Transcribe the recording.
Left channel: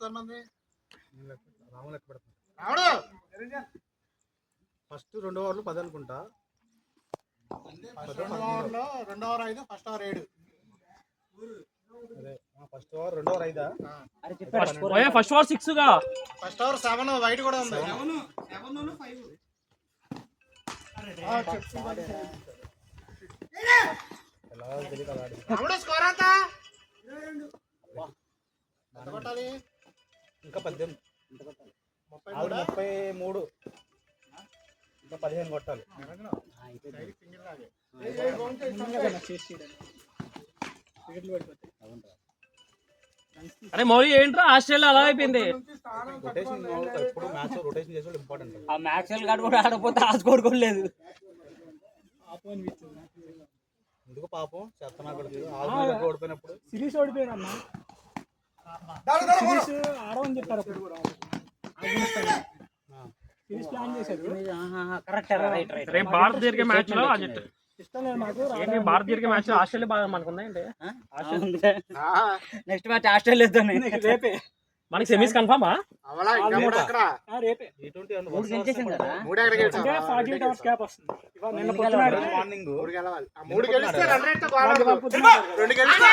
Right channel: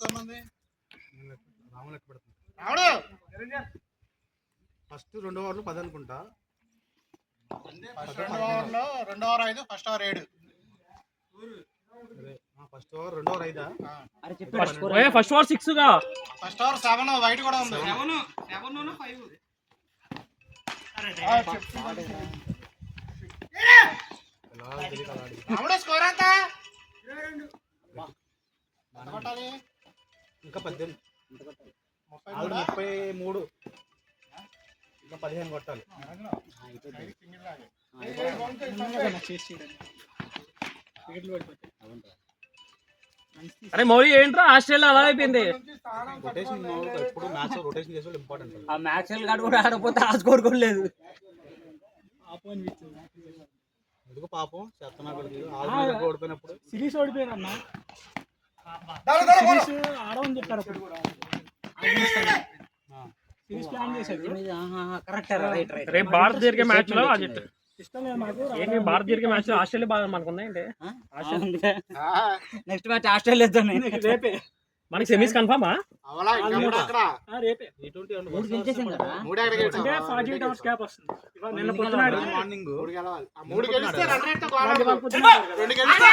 Score ఉంది first 2 ఓవర్లు 10 అనుకుంటా. రెండో over 5, first over 7. First over 2 over 5. First over 6 గా, ఫస్ట్ ఓవర్ 7 వైట్ కూడా ఉంది. 7 5. స్కోర్ ఎంత? ఇంకా 18. 33. ఇంకా 15 కొట్టాలి. అరే మౌలి ఏంట్రా ఆస్ట్రేలియా అలా అయిపోయింది. రొటేషన్ ఎప్పుడు మ్యాచ్ రొటేషన్ చేసే ఇంపార్టెంట్. ఆ మ్యాచ్ గాడు కూడా ఆడపోతే ఆ స్కోర్ కూడా లేదు. ఎందుకు పాపం చెప్తున్నా ఓడిపోయినప్పుడు సిరీస్ ఓడిపోయినమ్మా. ఆడమని చెప్పారు సిరీస్ ప్లాన్ చేశారు. Correct right right. రేపు భారత్ జరిగే మ్యాచ్ లో భారత్ జరిగే మ్యాచ్ లో ఆస్ట్రేలియా బాగా మనకున్నాయండి. నెక్స్ట్ మ్యాచ్ ఆస్ట్రేలియాతో రేపే మనకి సెమీస్ కన్ఫర్మా? రేపే 3 48 hours గ్యాప్ వస్తుంది. నిన్న పొద్దున మార్నింగ్ 3 గెలిస్తే 2 గెలిస్తే